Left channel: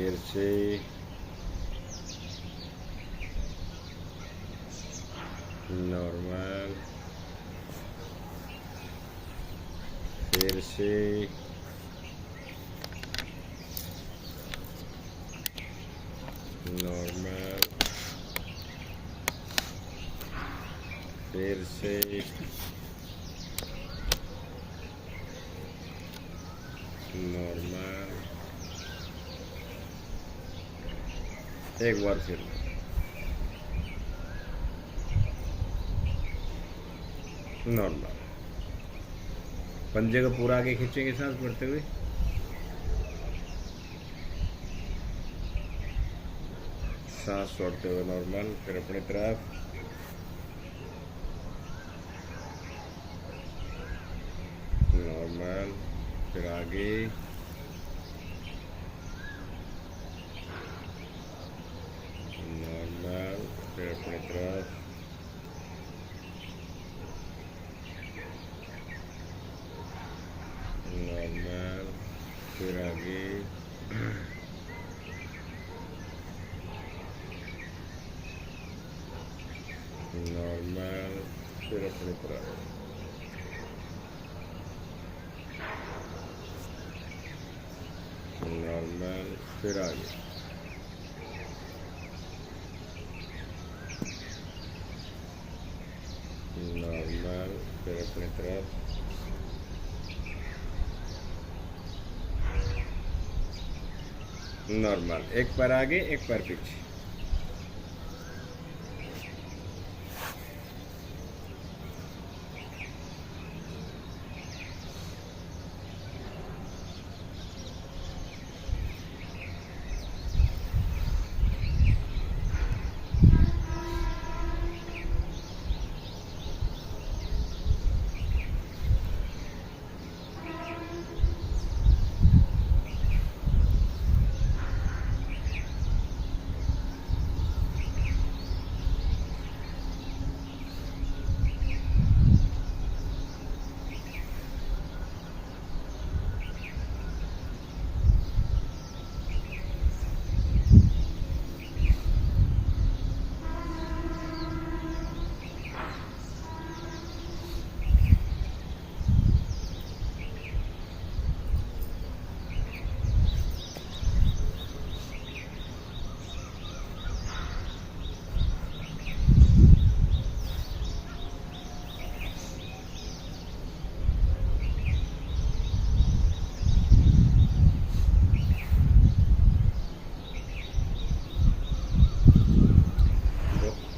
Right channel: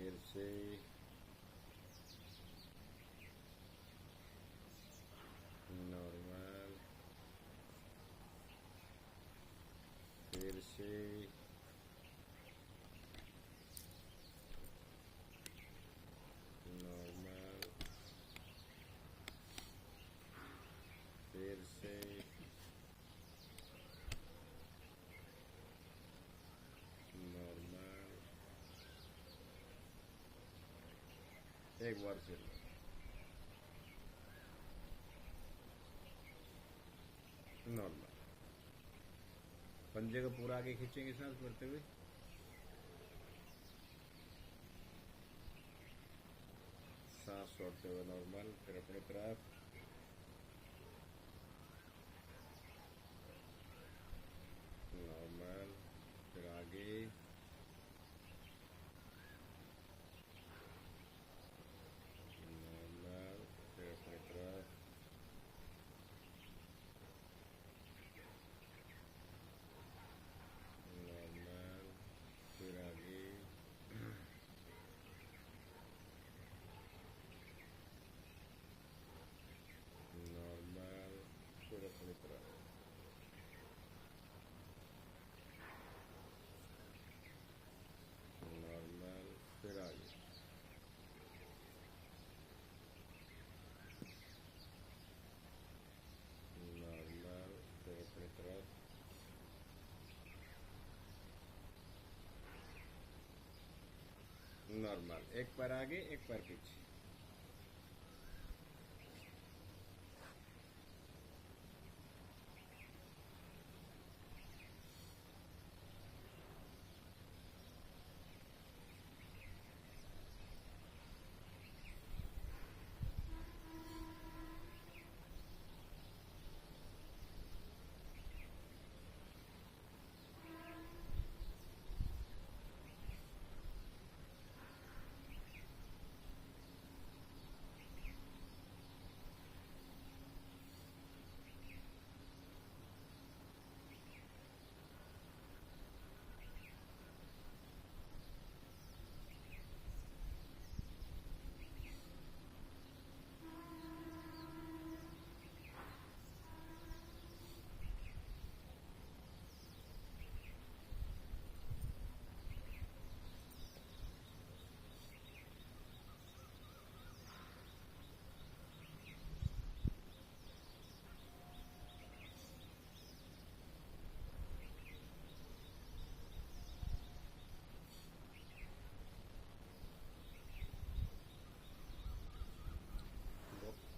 फिर से नॉर्मल, फिर से नॉर्मल, फिर से नॉर्मल, एक बार फिर नॉर्मल। पंजे को पूरा आगे खींचेंगे सांस भरते हुए। सांस छोड़ते हुए नॉर्मल, फिर अपनी तरफ नॉर्मल, फिर आगे नॉर्मल, फिर अपनी तरफ नॉर्मल, फिर आगे नॉर्मल, फिर अपनी तरफ नॉर्मल, फिर आगे नॉर्मल, फिर अपनी तरफ नॉर्मल। एक पैर आगे, एक पैर पीछे।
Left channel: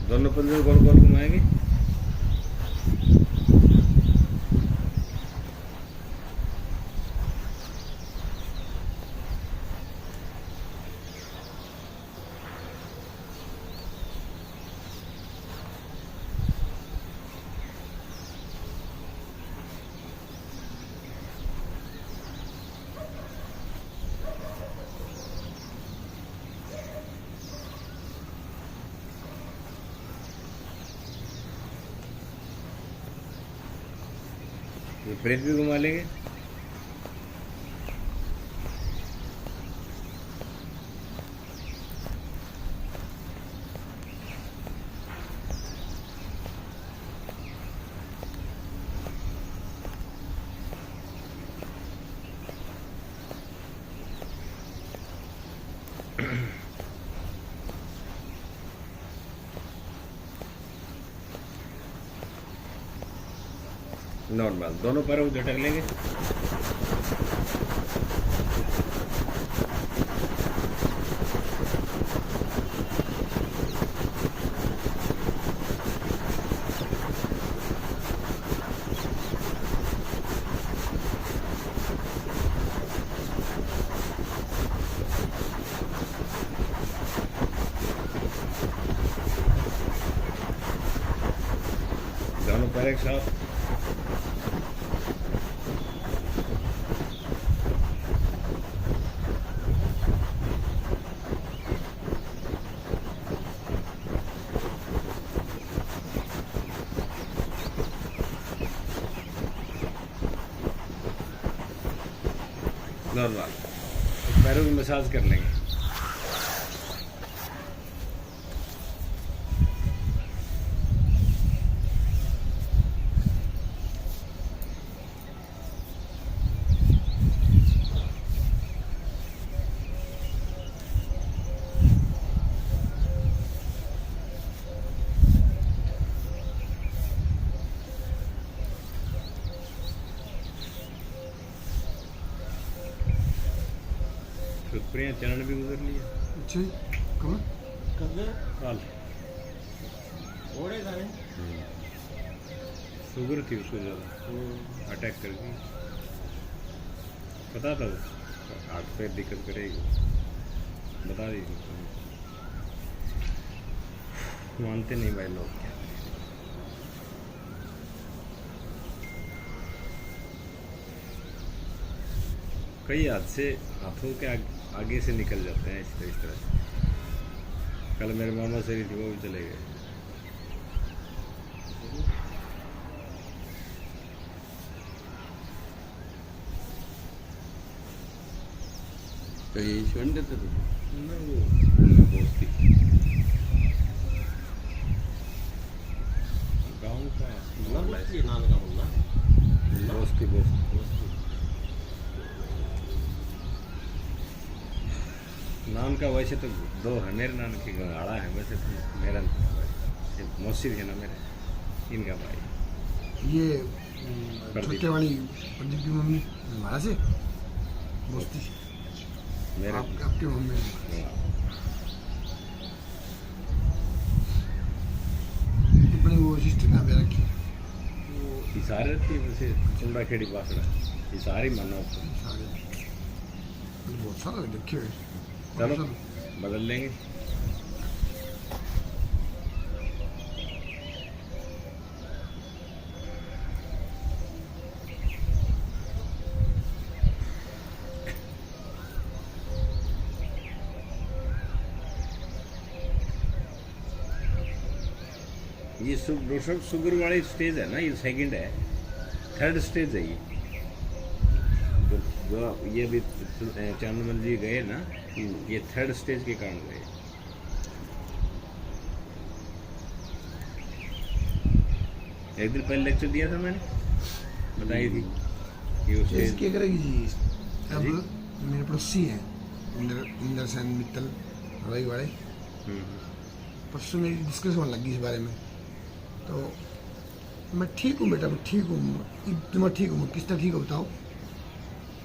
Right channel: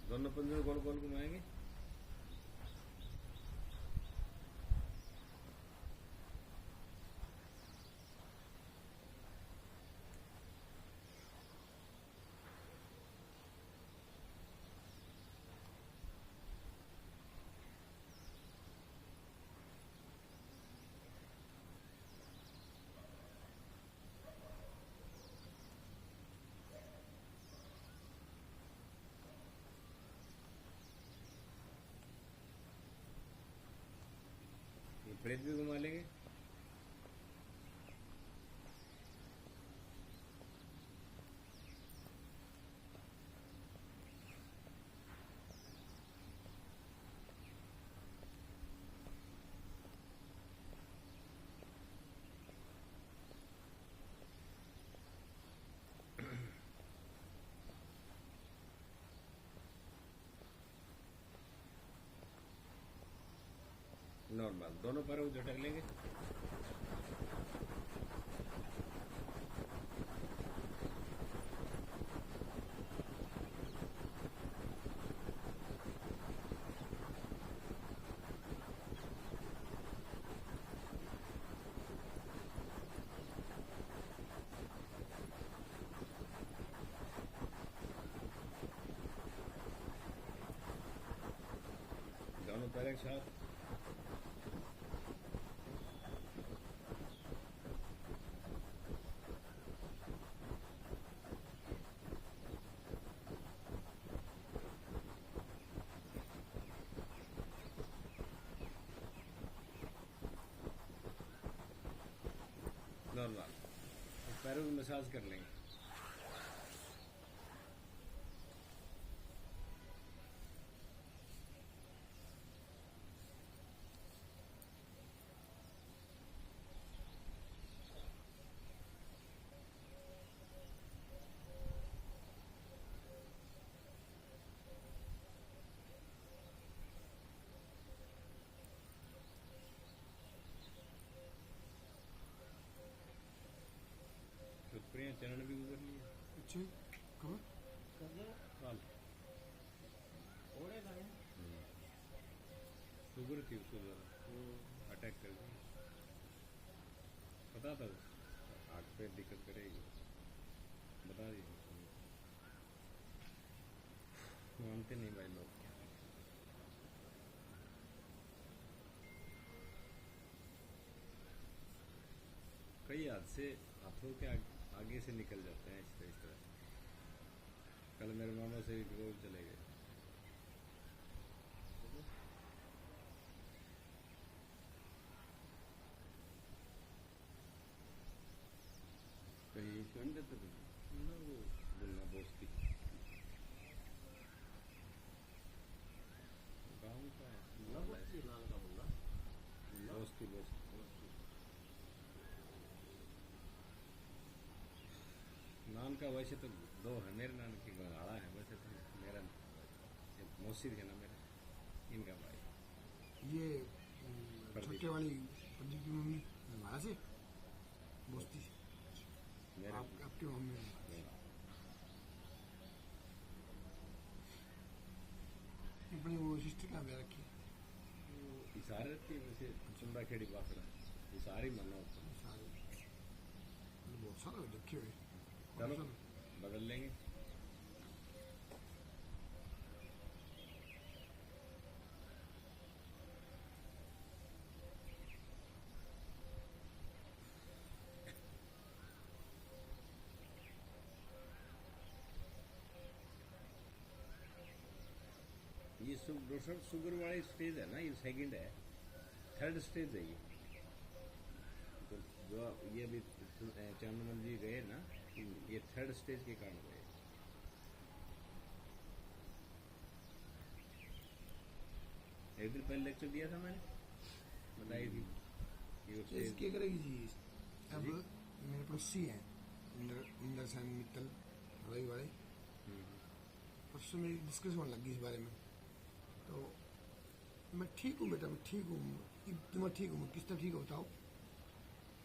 दोनों पंजे गोल गोल घुमाएंगे। विपरीत भी घुमा लेंगे। नॉर्मल, दोनों पैरों को झटक लेंगे। दोनों पैर एक साथ नॉर्मल। पैरों की मसाज कर लेंगे। ऊपर यहाँ चरण भी गुजर लिया अच्छा जी, कब? काल। शुगर थी उसको ज़्यादा, अटैक कर गई। पता था हार्ट पे दिक्कत करेगी, बता दी। मानते नहीं भाई लोग। कई हादसे हाथों के आगे से निकल जाते हैं इस तरह से। कल मेरे मामा से थी, वो भी चले गए। तो ये स्वर्ण देते थे ना वो दोस्ती गाँव का दोस्ती नान का वैसे तो दो है मेरे नान की गंगाड़ा है, वैसे तो मेरा मौसी है ना मेरे, इनका भाई। ये छोटे वाली प्रदीप की मम्मी हमारा से दोस्ती मेरे आपके मम्मी अपनी वो सिस्टर का भी रखी इशारे रहती है वैसे चुंडा खेड़ी बासड़ा इशारे मानना उसको। बहुत सारा देखे हुए। चलो बदल लेंगे। ये शुगर वाली स्टेज है ना, ये सेकंड है, थर्ड स्टेज है ये। जो ये भी चांदमल जी गए ना, ये थर्ड स्टेज के कारण गए। एक दिन पहले लेक्चर दिया था मैंने, बताई थी कि वो स्टेज क्या करेगी जी। अब मेरे पड़ोसी हैं इंदर सेन मित्तल हवाई वाले, परसों मेरी डिस्कस होने लगी इस बारे में। तो मैं ठीक हूँ बेटा, मैं ठीक हूँ, मैं ठीक हूँ, किस तरह ठीक हो बताओ।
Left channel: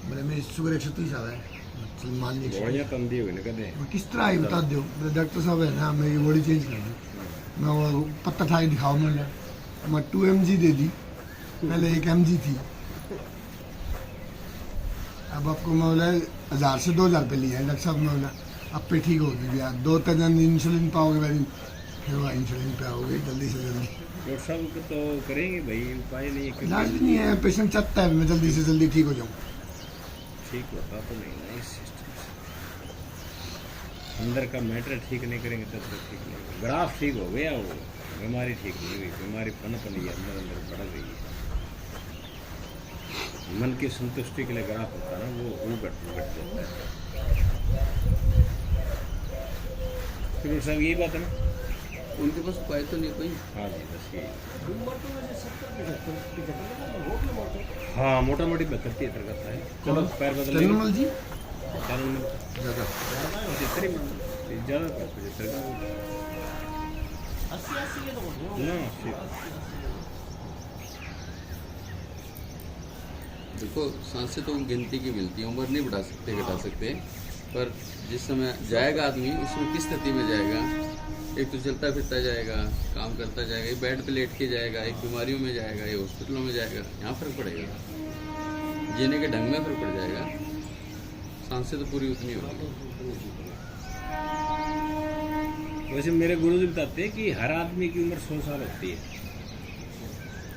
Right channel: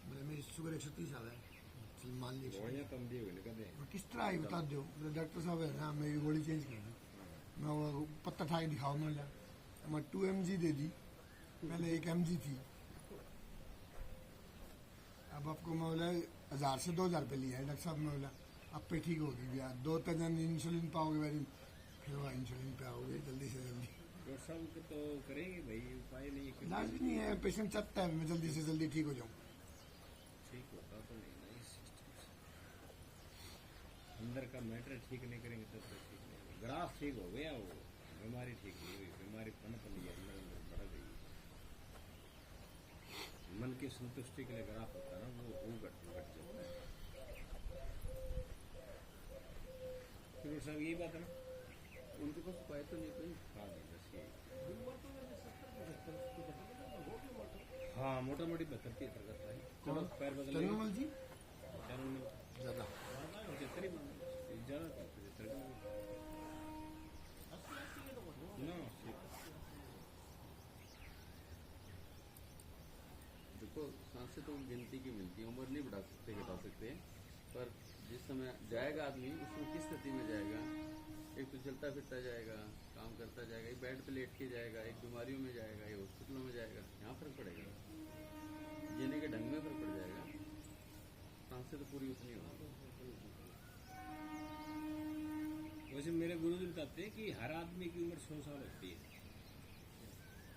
मैंने मेरी शुगर 130 आ रहा है, चल मान लीजिए बढ़िया तंदी हुई ना कहते मैं किस तरह आई बता दो। डॉक्टर साहब है ना, मेरी बॉडी चेंज कर दी। मैं वो पत्ता था दिखाओ, मैं 2 mg दे दी, पहले 1 mg थी। अब आपको मैं बोला 1000 से 2000 पे लिया है डॉक्टर साहब। मैं बोला अब पे ठीक होगी भैया, 2-3 दिन इंसुलिन पाओगे वैसे, फिर वो इंसुलिन पे आओगे जल्दी से जल्दी। डॉक्टर साहब तो करेंगे भाई, उपाय नहीं है। इलाज भी नहीं है, पेशेंट चाहता है मैं जल्दी से जल्दी ठीक हो जाऊँ। ठीक होता तो नहीं ना इस सिस्टम से। अंदर का मैटर ठीक नहीं करेंगे तब तक ठीक नहीं होगा। ग्राफ ठीक हो गया, वो बीमारी ठीक नहीं हुई, बीमारी पनप नहीं है, अंदर अंदर बढ़ रही है। मन की संतुष्टि के लिए ग्राफ होता है ना, वो घट जाता है। फिर साहब यही बात है ना, उनके पास उपाय तो नहीं कोई। हाँ जी बस यही। हाँ मोटा मोटी 72-73 करता है। चलो पैर बदल चंद्रमल जी ज़्यादा 75 ही ज़्यादा 75 का ना। देखो सांसें तो गिनती की मिलती है, उम्र नहीं बढ़ा सकते घटा सकते, पर जिस समय जाएगा आदमी उसमें किस स्थिति में जाएगा। एक तो चलता फिरता जाएगा, काम करता जाएगा, एक बेड पे लेट के जाएगा, एक बीमारियों में जाएगा, एक हॉस्पिटलों में जाएगा, यहाँ फर्क पड़ेगा, जीने के ढंग में फर्क पड़ जाएगा। सांसें तो पूरी उतनी होगी। वैसे मेरे गुरु जी बताते हैं कि हर आदमी की उम्र 100 साल होती है।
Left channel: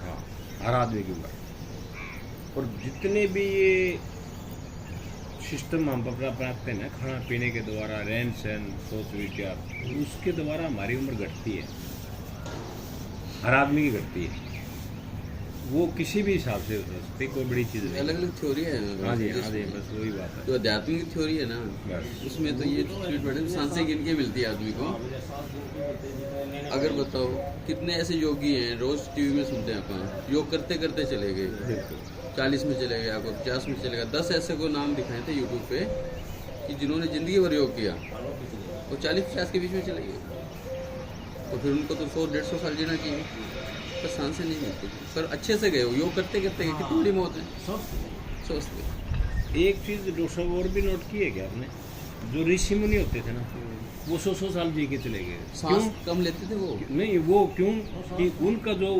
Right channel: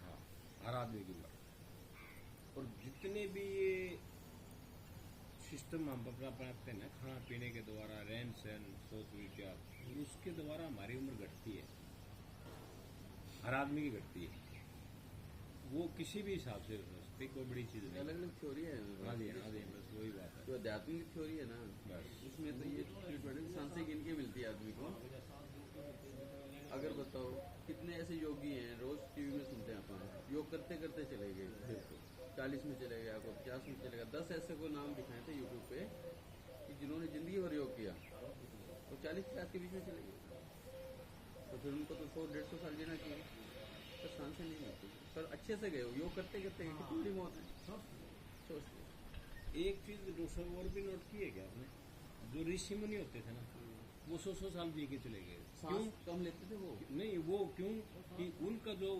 हाँ हर आदमी की उम्र, और जितने भी ये सिस्टम हम अपनाते हैं ना, खाना पीने के द्वारा, रहन सहन, सोच विचार, उसके द्वारा हमारी उम्र घटती है, हर आदमी की घटती है। वो किसी भी हिसाब से हो सकती है, कोई बड़ी चीज़ नहीं। अलग अलग थ्योरी है। हाँ जी बस वही बात है। जो आध्यात्मिक थ्योरी है ना, उसमें तो ये ट्रीटमेंट सांसें गिन के मिलती है आदमी को। अगर बताओ कितने ऐसे योगी हैं, रोज टीवी में सुनते हैं अपन, योग करते करते चले गए, 40 में चले गया, कोई 50 में चले गया। 10 ऐसे को नाम दिखाए थे यूट्यूब पे कि जिन्होंने ज़िंदगी भर योग किया, वो 40-50 के बीच में चले गए। तो फिर उनको तो 100-150 साल जीना चाहिए, पर सांसें नहीं मिलती। पर अच्छे से गए, योग करते करते गए, कितनी बड़ी मौत है सोचते। एक चीज़ डॉक्टर साहब और भी नोट की है क्या आपने, जो ऋषि मुनि होते थे ना वो 100 साल जी के चले गए। सांस कम लेते थे वो। नहीं वो क्यों कि उनका जो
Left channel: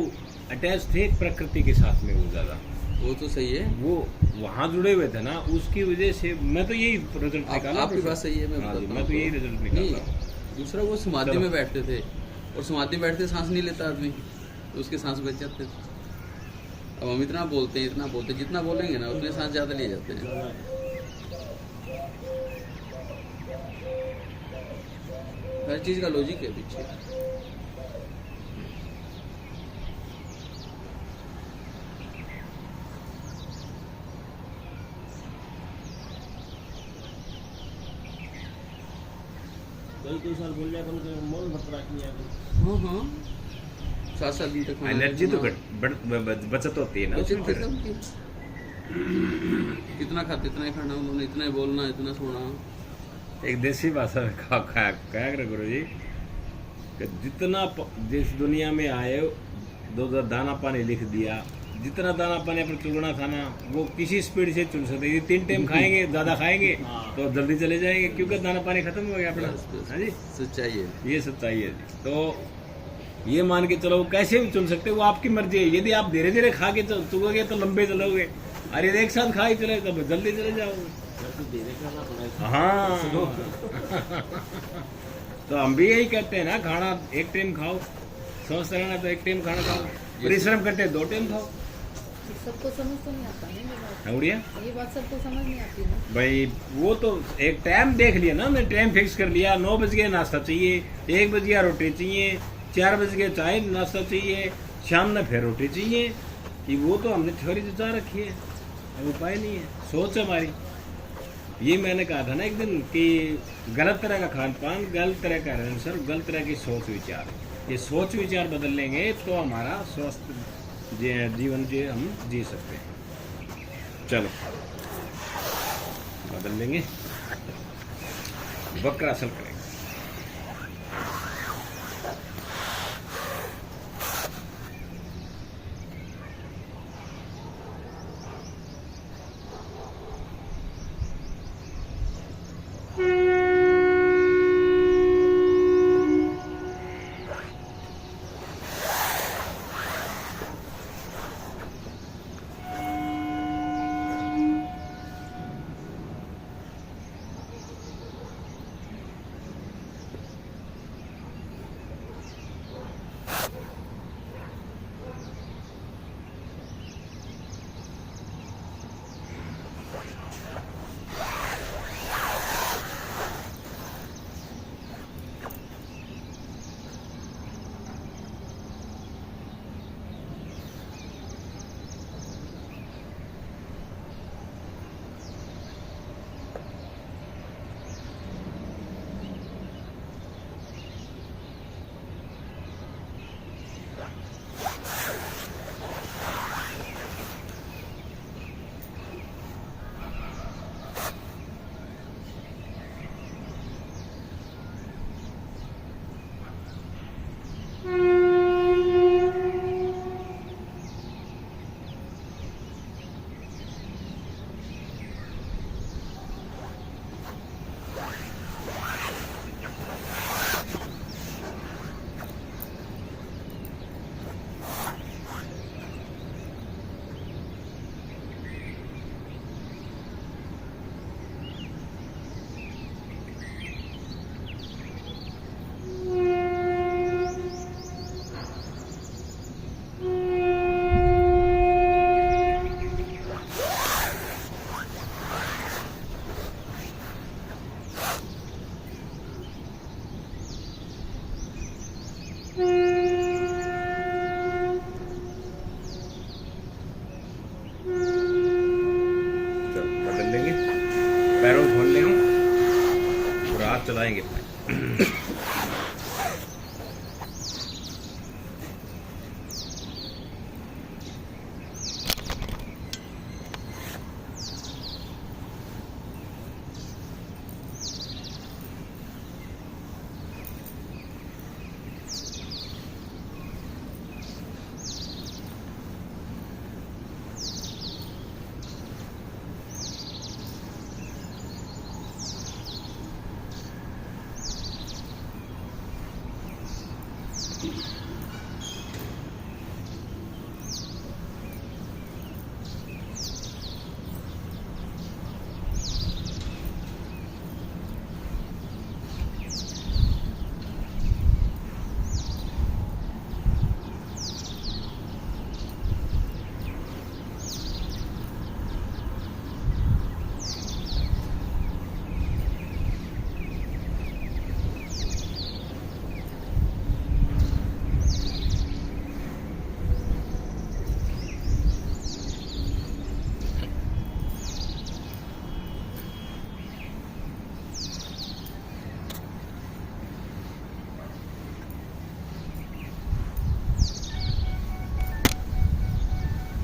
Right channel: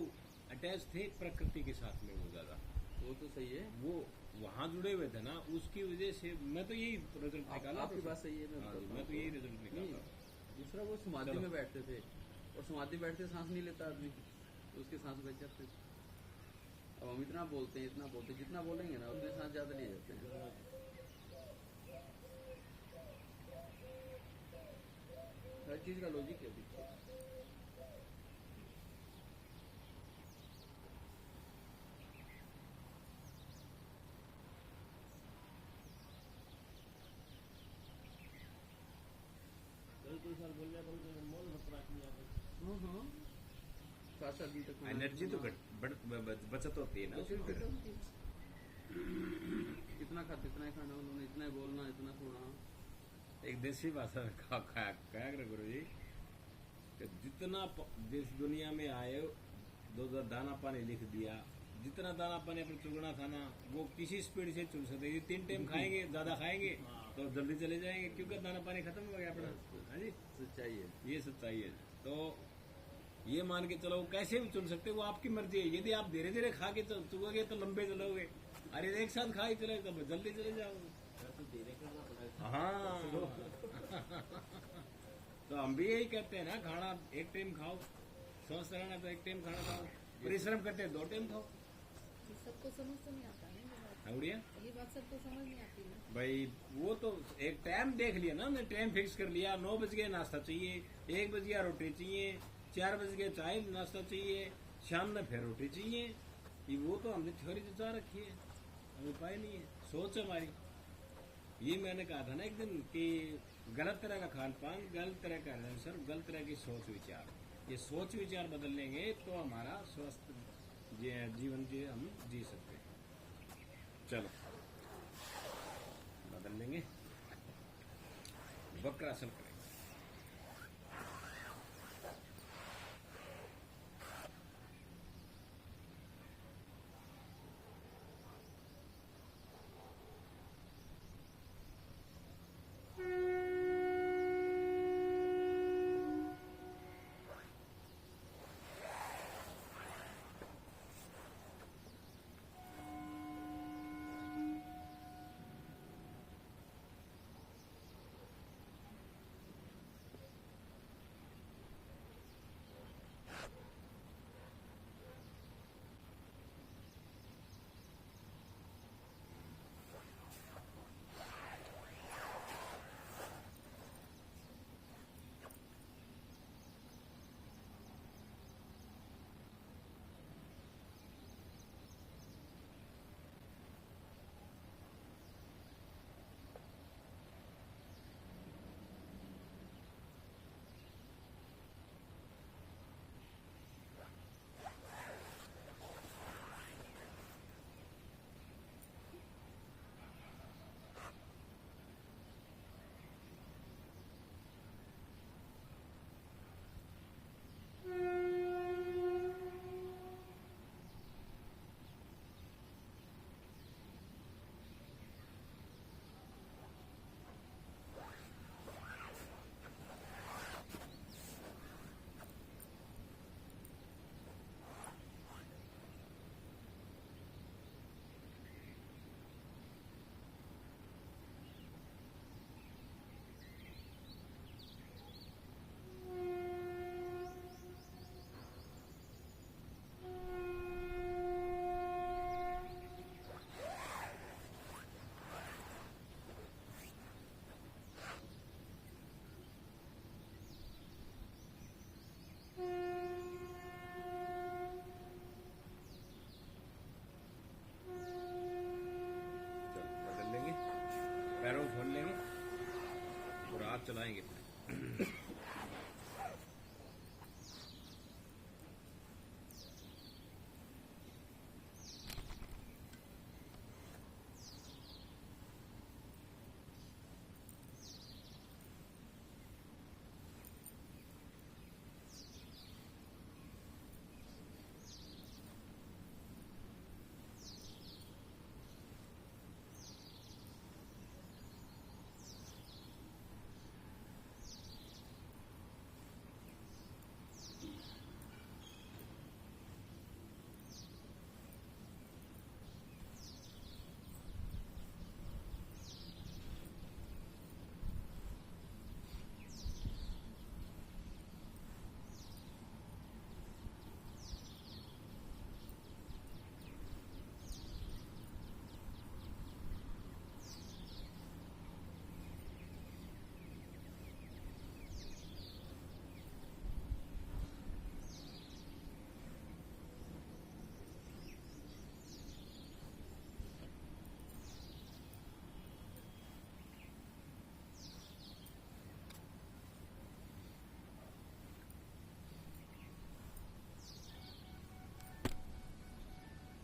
अटैच थे प्रकृति के साथ में वो ज़्यादा, वो तो सही है। वो वहाँ जुड़े हुए थे ना, उसकी वजह से मैं तो यही रिजल्ट निकाला। आपकी बात सही है, मैं हाँ जी, बताता मैं तो हूँ। यही रिजल्ट नहीं, निकाला। दूसरा वो समाधि में बैठते थे और समाधि में बैठते सांस नहीं लेता आदमी, तो उसके सांस बच जाते थे। अब हम इतना बोलते हैं, इतना बोलते हैं, जितना बोलेंगे ना उतने सांस ज़्यादा लिए जाते हैं। हर चीज़ का लॉजिक है पीछे। कई साल बोल लिया उनके मौन भर रखनी है। हाँ हाँ, 7 दिन तक खाना एनर्जी तो खाना। बचत होती है ना बचत उसमें फिर। थी उनकी। कितना खाते इतना ही खाना, उन्होंने इतना ही बोलना, इतना सोना। एक देसी भाषा में कहा कर गुरु जी कि जितना जिस दुनिया में आए दो दाना पानी लिख दिया, जितना दाना पानी अपने चुगना था ना वो किसी स्पीड से चुन सकते। ये 3 टाइम खाएंगे, ज़्यादा खाएंगे तो जल्दी चले जाएंगे क्योंकि दाना पानी खत्म हो गया अपना। हाँ जी, सच्चाई है। ये सच्चाई है जी। तो ये मान के चलो कैसे भी चुन सकते हो, वो आपकी मर्जी है। यदि आप धीरे धीरे खा के चुगोगे तो लंबे चलोगे, अरे एक साथ खा ही चले तो जल्दी चले जाओगे। हाँ तो हम भी यही कहते हैं ना, खाना एक टाइम खाओ, स्वस्थ रहना तो एक टाइम खाना खाओ, परिश्रम करते 2 टाइम खाओ। सबको समझ तो नहीं आता है ये बात। उड़िया ये बात सबको समझ नहीं आती ना भाई, वो तो एक टाइम देख लिया ना, मैं टाइम फिक्स कर लिया, 9 बज गए नाश्ता चाहिए, 1 बज गया रोटी चाहिए, 4 बज गए चाय नाश्ता चाहिए, शाम में फिर रोटी चाहिए, कि वो तो हमने थ्योरी जचा रखी है, अब उपाय नहीं है, सोच हमारी। ये मैंने कहा था ना एक दिन कि गलत तरह का खान पान, गलत तरह का रहन सहन, गलत तरह की सोच विचार, ये सोच विचार बदल लेंगे तो हमारा स्वस्थ जीवन जी हम जी सकते हैं। चलो बदल लेंगे, वक्रासन करेंगे। पैरों खोल लेंगे और हाथ चलाएंगे अपने।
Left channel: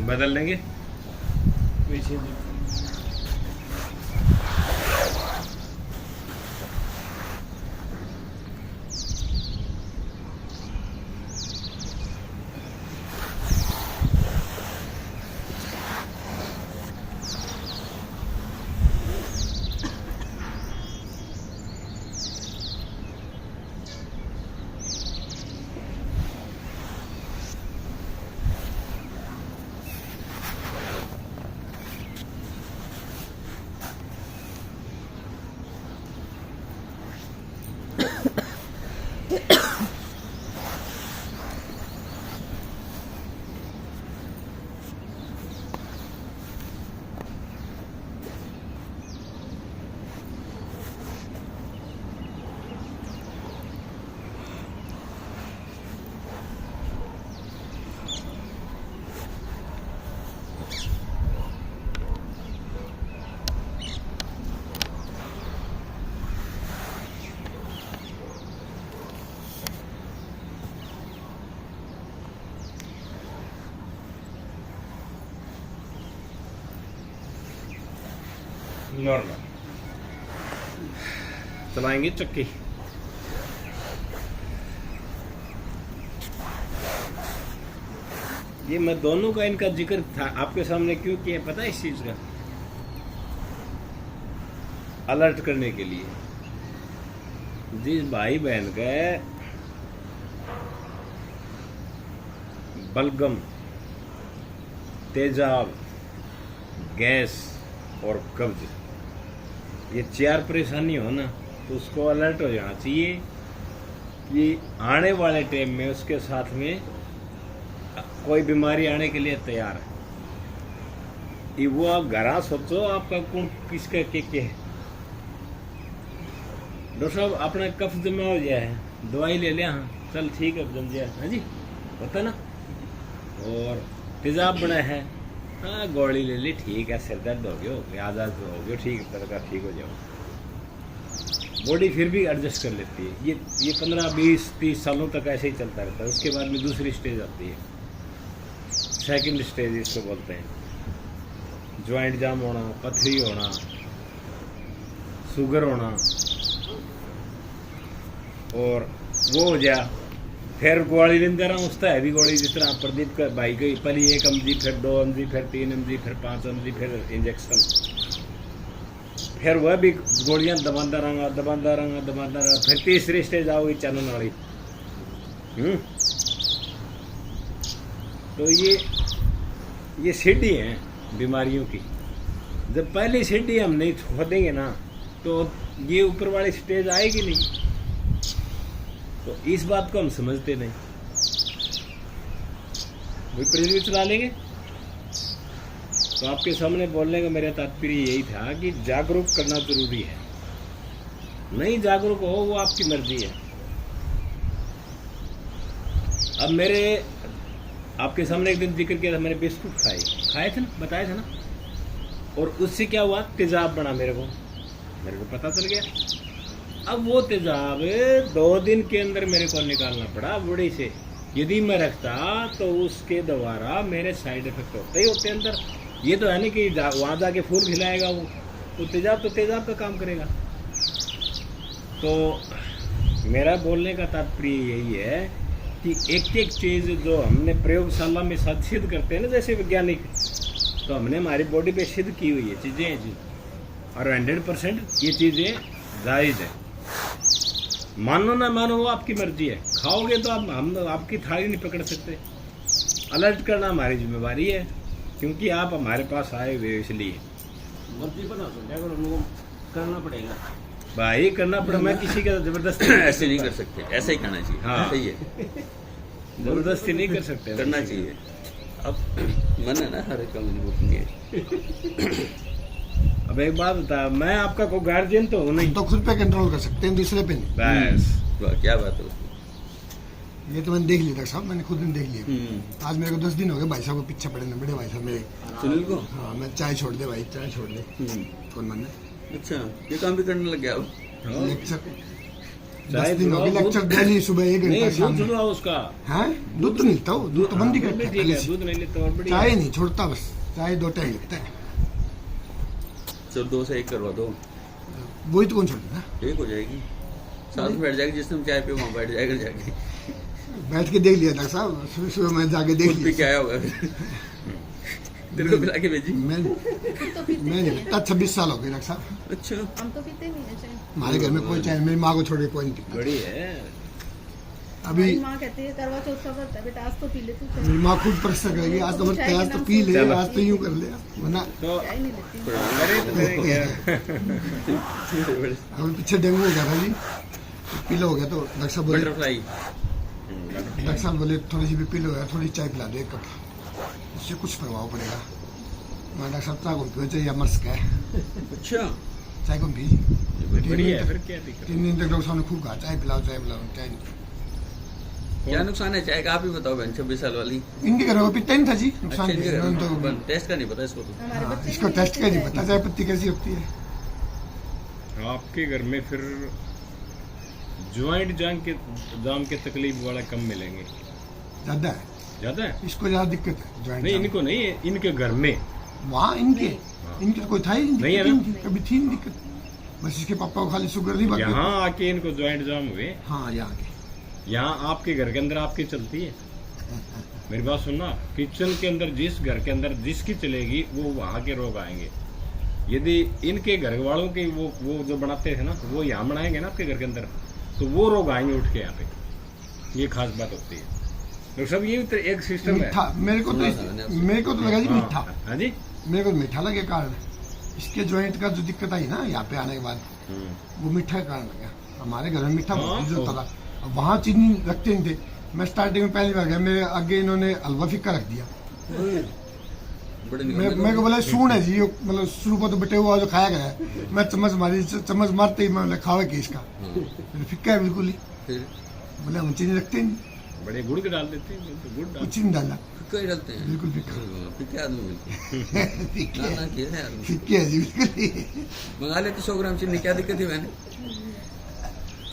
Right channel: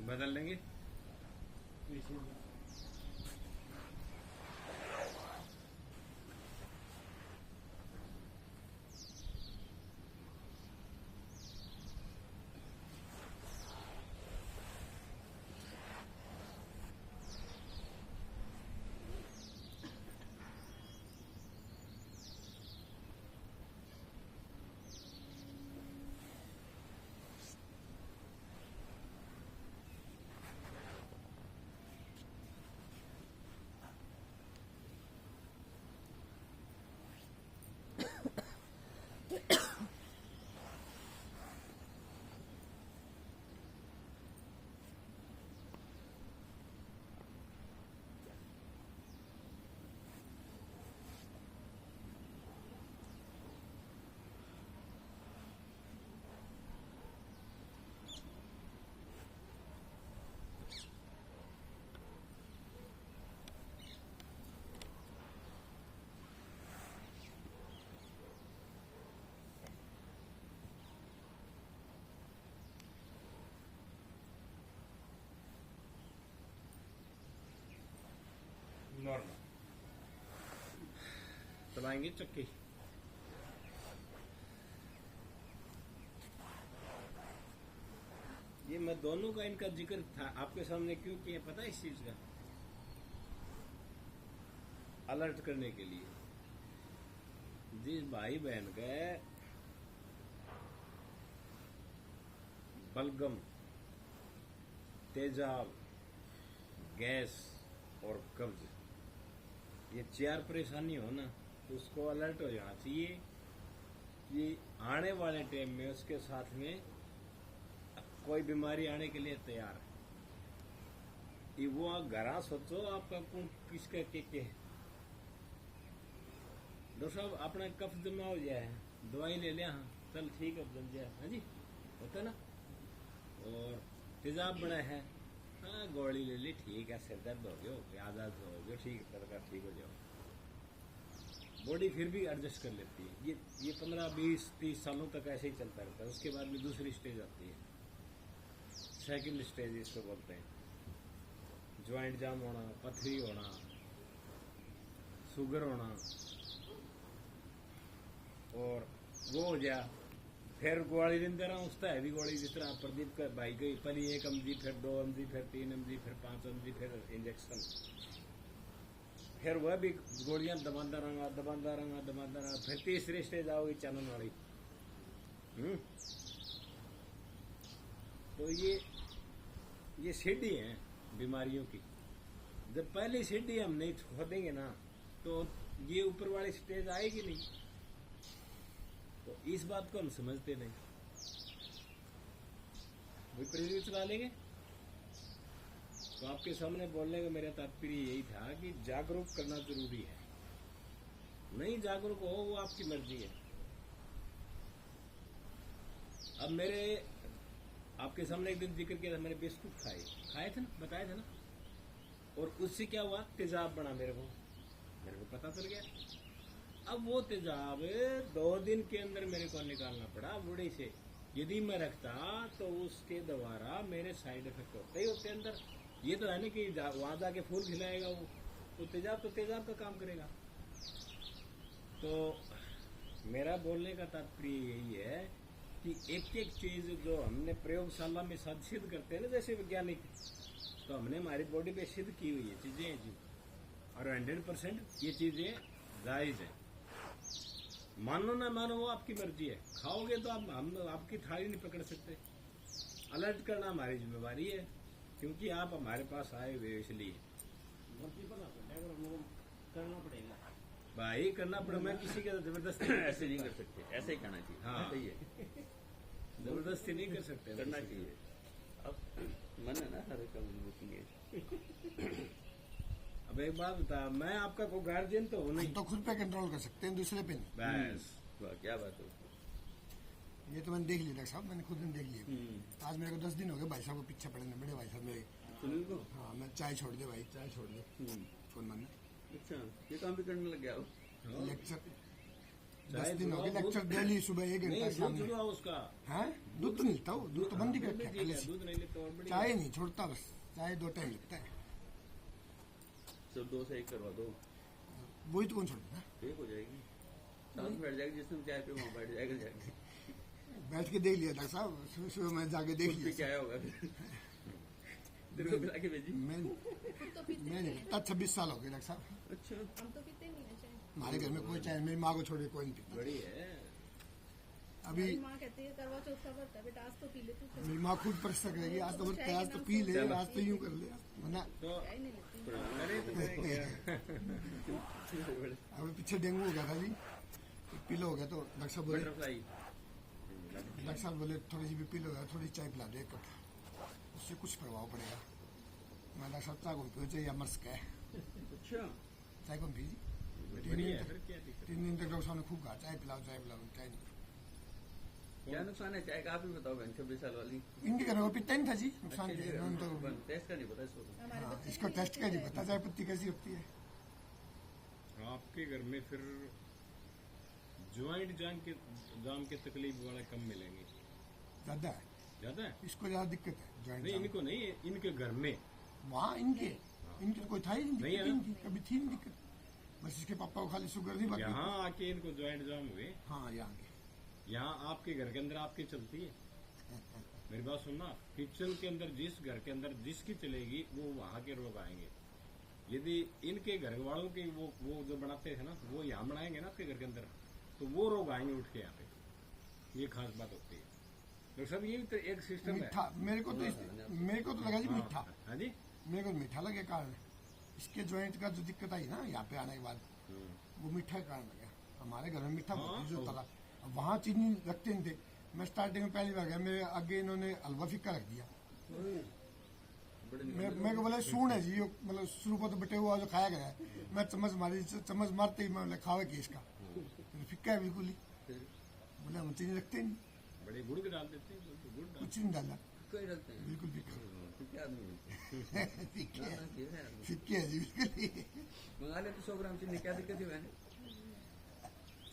बदल लेंगे। पीछे नॉर्मल चलाएंगे चक्की। ये मैं दोनों का इनका जिक्र था आपके सामने क्यों किया पता है? इस चीज का अलर्ट करने के लिए। जिस भाई बहन का बलगम, तेजाब, गैस और कब्ज ये 4 परेशानी हो ना तो उसको अलर्ट हो जाना चाहिए कि आने वाले टाइम में उसके साथ में कोई बीमारी आने के लिए तैयार है। ये वो आप घरा सोचो आपका कौन किसका के है। डॉक्टर साहब अपना कफ जमा हो गया है, दवाई ले लिया, हाँ चल ठीक है जम गया, हाँ जी होता ना। और तेजाब बना है, हाँ गोली ले ली ठीक है, सिर दर्द हो गया, आजाद हो गया, ठीक है तरह ठीक हो जाओ। बॉडी फिर भी एडजस्ट कर लेती है। ये 15, 20, 30 सालों तक ऐसे ही चलता रहता है। उसके बाद में दूसरी स्टेज आती है, सेकंड स्टेज इसको बोलते हैं। ज्वाइंट जाम होना, पथरी होना, शुगर होना, और वो हो जाए फिर गोली लेंदे रहा उसका है भी गोली, जिस तरह प्रदीप का भाई गई पहले 1 mg, फिर 2 mg, फिर 3 mg, फिर 5 mg, फिर इंजेक्शन, फिर वह भी गोलियां दबाता रहा, फिर तीसरी स्टेज आओगी चलन वाली। तो ये सीढ़ी है बीमारियों की। जब पहली सीढ़ी हम नहीं खोदेंगे ना तो ये ऊपर वाली स्टेज आएगी नहीं। तो इस बात को हम समझते नहीं, विपरीत भी चला लेंगे। तो आपके सामने बोलने का मेरा तात्पर्य यही था कि जागरूक करना जरूरी है। नहीं जागरूक हो वो आपकी मर्जी है। अब मेरे आपके सामने एक दिन जिक्र किया था, मैंने बिस्कुट खाए थे ना, बताया था ना, और उससे क्या हुआ, तेजाब बना मेरे को पता चल गया। अब वो तेजाब 2 दिन के अंदर मेरे को निकालना पड़ा बॉडी से। यदि मैं रखता तो उसके द्वारा मेरे साइड इफेक्ट होते ही होते अंदर। ये तो है नहीं कि वहाँ जाके फूल खिलाएगा वो तेजाब तो तेजाब का काम करेगा। तो मेरा बोलने का तात्पर्य यही है कि एक चीज़ जो हमने प्रयोगशाला में सिद्ध करते हैं ना, जैसे वैज्ञानिक, तो हमने हमारी बॉडी पे सिद्ध की हुई है चीज़ें जी, और 100% ये चीज़ें जायज़ है। मानो ना मानो वो आपकी मर्जी है। खाओगे तो हम आपकी थाली नहीं पकड़ सकते। अलर्ट करना हमारी जिम्मेवारी है, क्योंकि आप हमारे पास आए हुए इसलिए। मर्जी बना तो क्या करो, लोगों करना पड़ेगा भाई, करना पड़ा। मैं किसी का जबरदस्ती ऐसे नहीं कर सकते, ऐसा ही करना चाहिए। हाँ। सही है, जबरदस्ती नहीं कर सकते, करना चाहिए। अब मन है ना, हर एक का मजबूत नहीं है। अब एक बात बता, मैं आपका कोई गार्जियन तो हूँ नहीं, तो खुद पे कंट्रोल कर सकते हैं, दूसरे पे नहीं। बस वाह, क्या बात है उसमें। ये तो मैंने देख लिया डॉक्टर साहब, मैंने खुद ने देख लिया। आज मेरे को 10 दिन हो गए भाई साहब को पीछे पड़े ना, बड़े भाई साहब मेरे। सुनील को? हाँ, मैं चाय छोड़ दे भाई, चाय छोड़ दे। फोन मारने। अच्छा, ये काम भी करने लग गया अब। लेक्चर चाहे 10 दिन हो गए दूध- लेक्चर डेली सुबह 1 नहीं घंटा शाम दूध में। छुड़वाओ उसका। हैं दूध तो नहीं लेता हूँ, दूध तो बंद ही हाँ, करता है ठीक पहले है, से। दूध नहीं लेते और बढ़िया। चाय नहीं छोड़ता, बस चाय 2 टाइम लगता है। चल 2 से 1 करवा दो, वही तो कौन छोड़ता है? ठीक हो जाएगी। साथ में बैठ जाएगी, जिस टाइम चाय पे वहाँ बैठ जाएगा जाके, बैठ के देख लिया डॉक्टर साहब, सुबह सुबह मैं जाके देख खुद पी के लिया। आया होगा फिर। तेरे को पिला के भेजी। मैं खुद तो पीते मैं नहीं नहीं है। पीता, 26 साल हो गए डॉक्टर साहब। अच्छा, हम तो पीते नहीं है चाय। हमारे घर में कोई चाय, मेरी माँ को छोड़ के कोई नहीं पीता। बड़ी है। अभी हमारी माँ कहती है करवा चौथ का व्रत है बेटा, आज तो पी ले तू चाय। मेरी माँ खुद परिश्रम करेगी, आज तो मत चाय के आज तो नाम पी ले, चलो। आज तो यूं कर ले, वरना तो चाय नहीं लेती। करे तो करे क्या। अभी पीछे डेंगू हो गया था जी, पीला हो गया तो डॉक्टर साहब बोले, बटरफ्लाई। डॉक्टर साहब बोले थोड़ी सी भी पीला हो गया, थोड़ी चाय पिला दो 1 कप, उससे कुछ प्रभाव पड़ेगा। मैं डॉक्टर साहब चाय को पियो चाहिए मर्स का है, अच्छा, चाय को पी। बढ़िया है, फिर क्या दिक्कत। 3 दिन तक डॉक्टर साहब ने खूब कहा चाय पिलाओ चाय पिलाओ, चाय नहीं। क्या नुकसान है चाय का, आप ही बताओ बहन, 26 साल वाली। इनके घर में पीता ही नहीं था जी, अच्छा, नुकसान इनके नहीं घर है, में तो टेस्ट का नहीं पता इसको तो। हमारे हाँ, बच्चे इसको भी टेस्ट का नहीं पता चाय पत्ती कैसी होती है। आपके घर में फिर ज्वाइंट जाम के तकलीफ वाला कम मिलेंगे। ज्यादा है, ज्यादा है? इसको ज्यादा दिक्कत है ज्वाइंट नहीं जाम। इनको नहीं है, इनके घर में। वहाँ इनके इनके तो कोई था ही नहीं, नहीं है दिक्कत ना? ही नहीं थी, कभी थी नहीं दिक्कत। बस इसके पापा को खाली शुगर नहीं बाकी। यहाँ आके इनको ज्वाइंट जाम हुए। हाँ यहाँ के यहाँ आपके घर के अंदर आपकी चलती है। मेरी बात सुनना, किचन के अंदर जिस घर के अंदर जिसकी चलेगी वो वहाँ के रोग आएंगे। यदि इनके घर वालों के वो जो बनाते थे ना, वो यहाँ बनाएंगे ना आपके घर के अंदर, तो वो रोग आएंगे उठ के यहाँ पे। ये खास बात होती है। तो सब ये एक सिस्टम है। मीठा मेरे को तो लगा जी मीठा, हाँ जी। मेरे को मीठा लगे कारण इसके ज्वाइंट का जो दिक्कत आई ना यहाँ पे आने के बाद, वो मीठा के कारण लगा। हमारे घर में मीठा बहुत जो था, अब वहाँ चीनी रखते नहीं थे। मैं स्टार्टिंग में पहली बार गया, मेरे आगे इन्होंने हलवा फिक्का रख दिया। बड़े मेरे को बोला सून है जी, मतलब शुरू को तो बटे हुआ जो खाया गया है। मैं चम्मच मारी, चम्मच मारते ही मैं खावे कि इसका फिक्का है बिल्कुल ही। फिर बोले हम चीनी रखते नहीं, बड़े गुड़ के डाल देते हैं, तो गुड़ डाल। कुछ नहीं डाला, फिक्का ही डालते हैं। बिल्कुल फिक्का। फिर क्या आदमी मिलते हैं? फिक्के ना है, ना किया है आदमी। फिक्के है जी बिल्कुल ही। मंगा लेते 100 ग्राम चीनी, क्या दिक्कत है मैंने।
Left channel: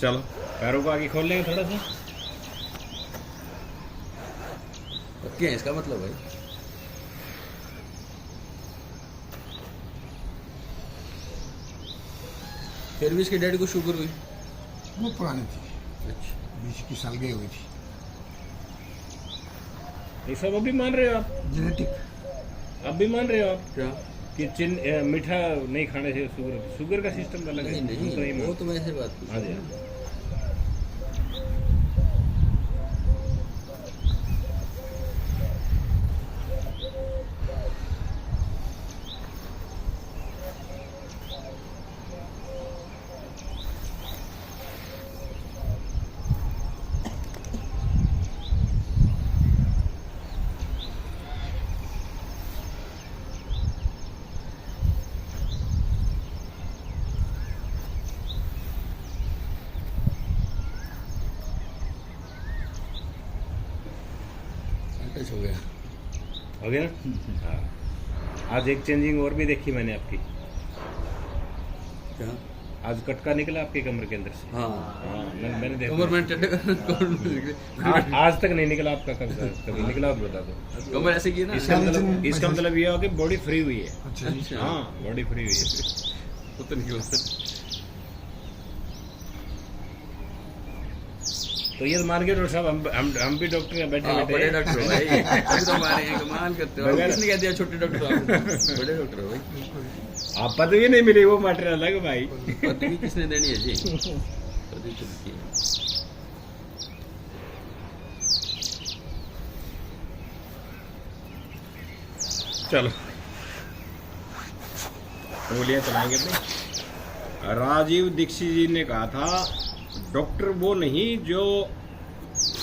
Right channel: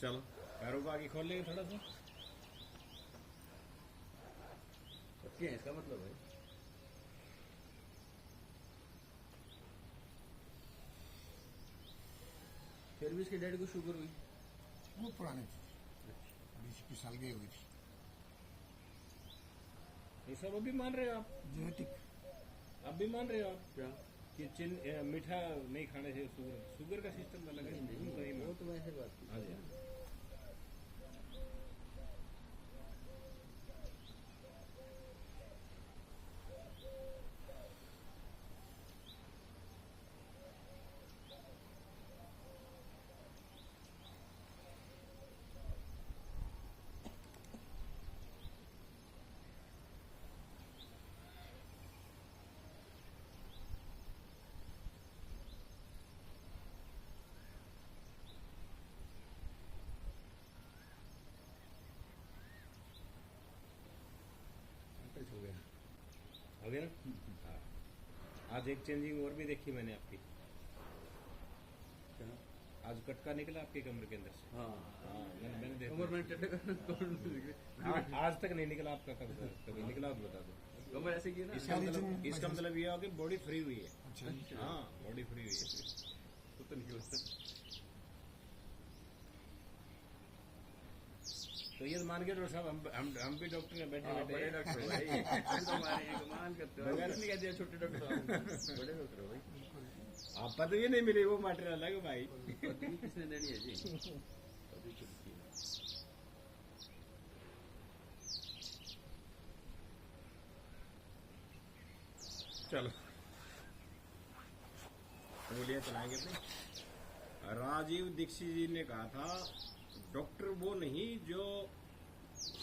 चलो पैरों को आगे खोल लेंगे थोड़ा सा। पक्के हैं इसका मतलब भाई। फिर भी इसके डैडी को शुगर हुई। वो पुरानी थी, अच्छा, 20 साल गई हुई थी। ये सब अभी मान रहे हो आप? जेनेटिक। अब भी मान रहे हो आप क्या? कि मीठा नहीं खाने से शुगर का सिस्टम अलग है? नहीं हम तो नहीं, नहीं वो मानते। तो मैं ऐसे बात की। हाँ जी, हाँ। टच हो गया। हो गया ना? हाँ। आज एक चेंजिंग और भी देखी मैंने आपकी। क्या? आज कटका निकला आपके कमर के अंदर से। हाँ, हाँ मैंने देखा। कमर में टेढ़े कर आज तक नहीं निकला आपका कभी निकला आप बता दो। कमर ऐसे की ना। इसका मतलब ये हो कि बॉडी फ्री हुई है। अच्छा जी। अच्छा, हाँ बॉडी फ्री हुई है। वो तो निकला। तो ये मान के डॉक्टर साहब हम भी डॉक्टर हैं बैठे हाँ, बड़े बैठे। डॉक्टर हो भाई। अभी तो हमारे यहाँ कमाल करते हो। बगैर- किसने कह दिया छोटे डॉक्टर हो? बड़े डॉक्टर हो भाई। आप पदवी नहीं मिली, वो मैटर अलग भाई। पदवी किसने देनी है जी? पदवी चलती है। चलो उंगलियां चलाएंगे अपनी। राजीव दीक्षित जी ने कहा था डॉक्टर वो नहीं जो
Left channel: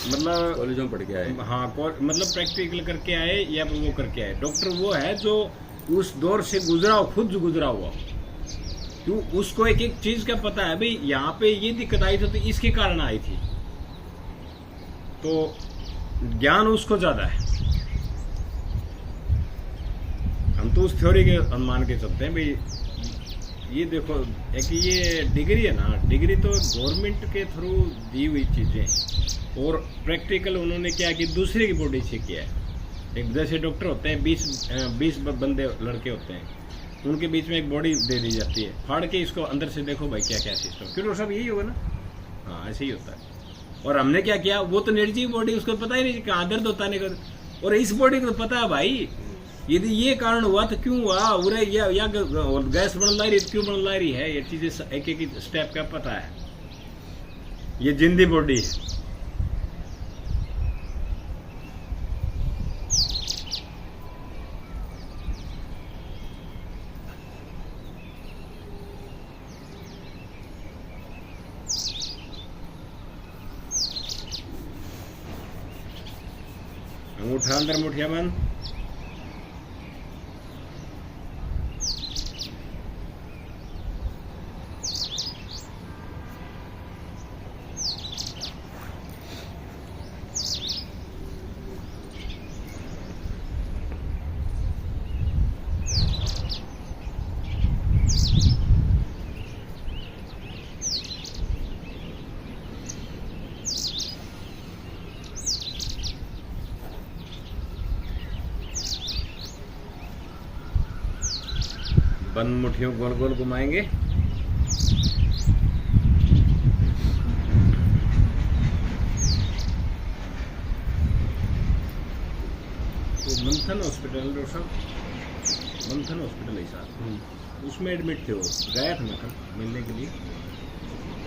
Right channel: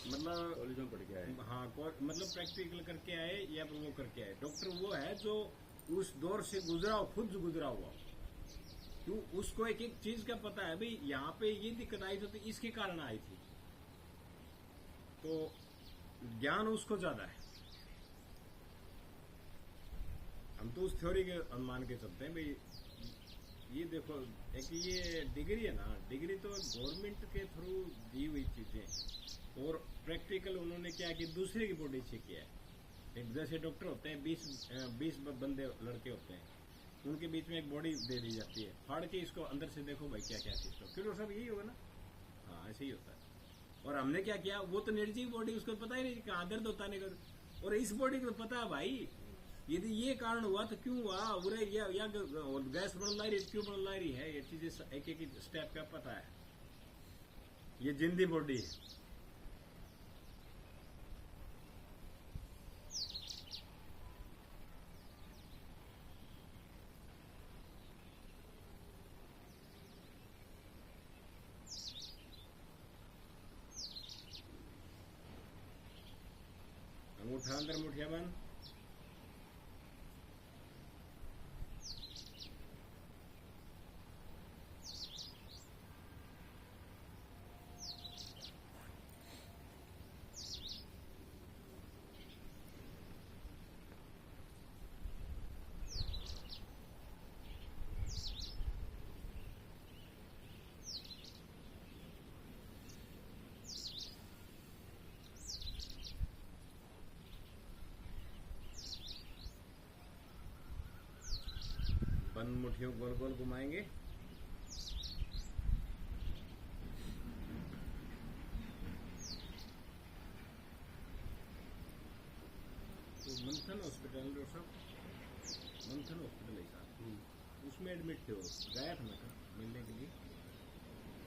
मतलब कॉलेजों में पढ़ के आए। हाँ मतलब प्रैक्टिकल करके आए या फिर वो करके आए। डॉक्टर वो है जो उस दौर से गुजरा हो, खुद गुजरा हुआ। क्यों उसको एक एक चीज का पता है भाई, यहाँ पे ये दिक्कत आई थी तो इसके कारण आई थी, तो ज्ञान उसको ज्यादा है। हम तो उस थ्योरी के अनुमान के चलते हैं भाई, ये देखो, एक ये डिग्री है ना, डिग्री तो गवर्नमेंट के थ्रू दी हुई चीजें, और प्रैक्टिकल उन्होंने क्या कि दूसरे की बॉडी से किया है। एक जैसे डॉक्टर होते हैं, 20 बंदे लड़के होते हैं, उनके बीच में एक बॉडी दे दी जाती है, फाड़ के इसको अंदर से देखो भाई क्या क्या सिस्टम, फिर वो सब यही होगा ना। हाँ ऐसे ही होता है। और हमने क्या किया, वो तो निर्जीव बॉडी, उसको पता ही नहीं कहाँ दर्द होता नहीं, और इस बॉडी को तो पता है भाई, यदि ये कारण हुआ तो क्यों हुआ, उरे या गैस बन ला रही क्यों बन ला रही है, ये चीजें एक एक स्टेप का पता है। ये जिंदी बॉडी है। अंगूठा अंदर, मुठिया बंद। बंद मुट्ठियों गोल गोल घुमाएंगे। तो मंथन हॉस्पिटल, डॉक्टर साहब मंथन हॉस्पिटल है साहब, उसमें एडमिट थे, वो गया था मैं कल मिलने के लिए।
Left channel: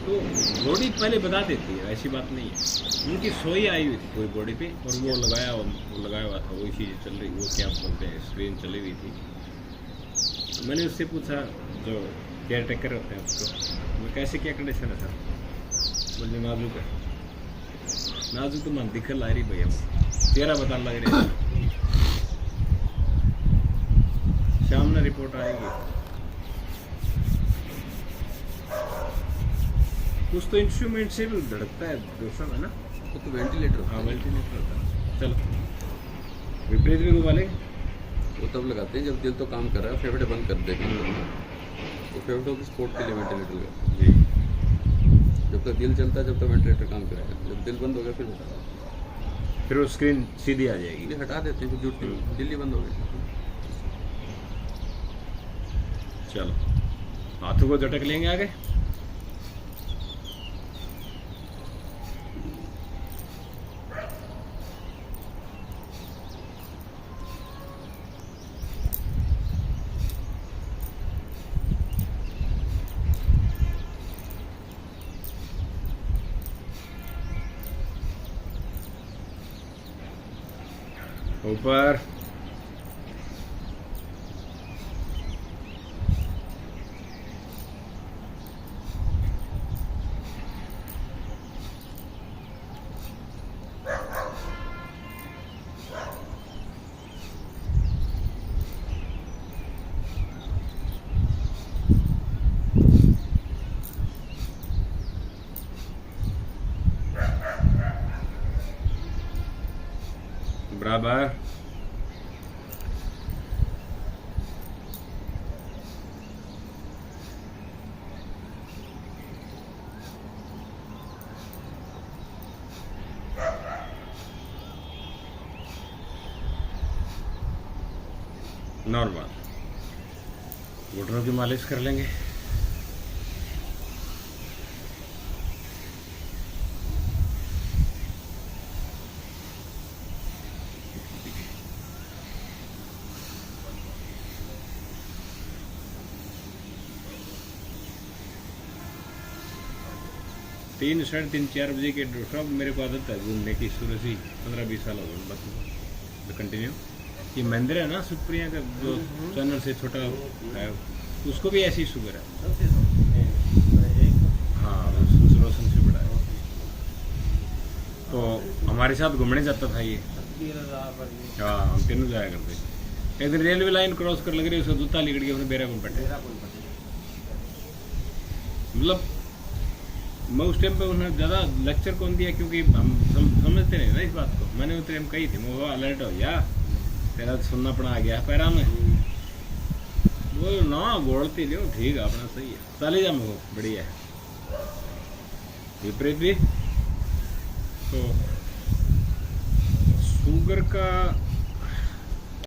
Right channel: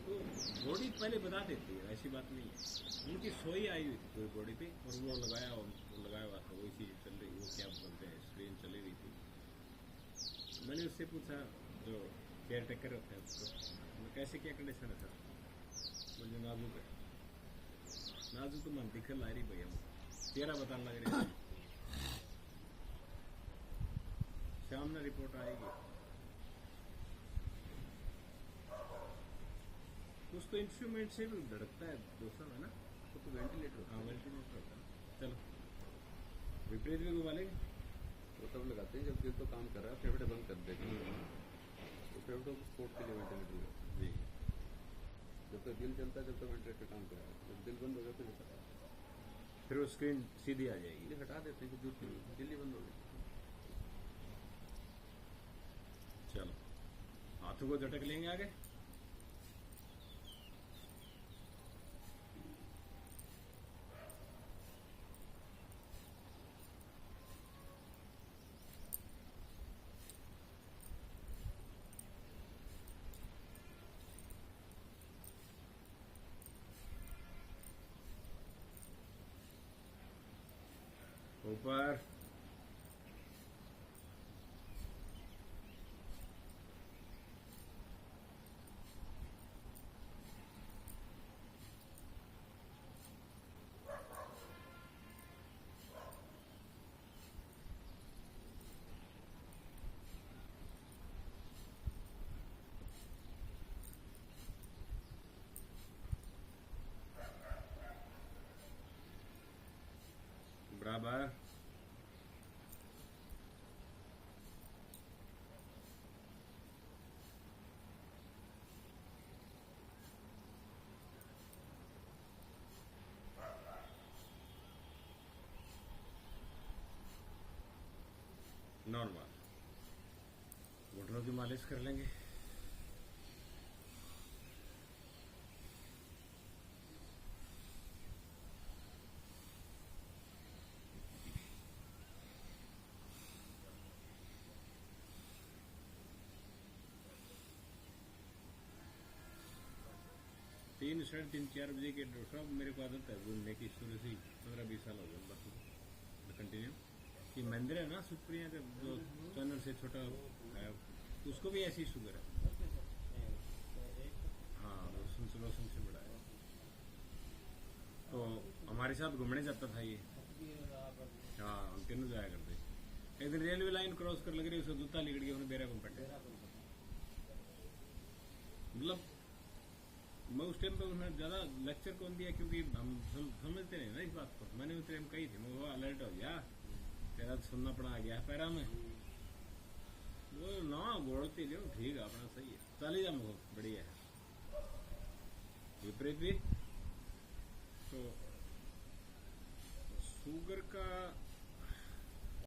तो बॉडी पहले बता देती है, ऐसी बात नहीं है। उनकी सोई आई हुई थी पूरी बॉडी पे, और वो लगाया हुआ था, वही चीज़ चल रही, वो क्या बोलते हैं, स्क्रीन चली हुई थी। मैंने उससे पूछा, जो केयर टेकर होते हैं उसको, मैं कैसे क्या कंडीशन है सर, बोले नाजुक है। नाजुक तो मन दिखल ला रही भैया, तेरा बता लग रहा है, शाम में रिपोर्ट आएगी। कुछ तो इंस्ट्रूमेंट से भी धड़कता है दोस्तों, है ना, वो तो वेंटिलेटर। हाँ वेंटिलेटर होता है। चलो विपरीत भी घुमा लेंगे, वो तब लगाते हैं जब दिल तो काम कर रहा है, फेफड़े बंद कर देंगे, तो फेफड़ों की सपोर्ट के लिए वेंटिलेटर लगाते जी। हैं। जब तक दिल चलता है जब तक वेंटिलेटर काम करेगा, जब दिल बंद हो गया फिर हटा, फिर वो स्क्रीन सीधी आ जाएगी। ये हटा देते हैं, फिर जुटती है, दिल ही बंद हो गई। चलो हाथों को झटक लेंगे आगे। ऊपर, बराबर, नॉर्मल। घुटनों की मालिश कर लेंगे। तीन, साढ़े 3, 4 बजे के साहब मेरे को आदत है घूमने की, शुरू से 15-20 साल हो गए बस कंटिन्यू। ये मंदिर है ना सुप्रिया का, जो चैनल से छोटा है, उसको भी ऐसी शुगर है। हाँ रोशन से बड़ा है। तो हमारे साथ घूमने जाता था ये। हाँ हम तीनों जाया करते। एक दिन रेलवे लाइन क्रॉस कर लग रही है, उसको जूता लिकड़ के अपने बेरा को पटे। मतलब मैं उस टाइम पे उन्होंने ज़्यादा लेक्चर कौन दिया, क्योंकि हम समझते नहीं ना इस बात को। मैंने उस टाइम कही थी, वो अलर्ट हो गया, तेरा सुनना पड़ा आ गया पैरा में। वो ना गोड़ती लियो ठीक है अपना सही है चले जा मुझको बढ़िया है विपरीत भी तो शुगर का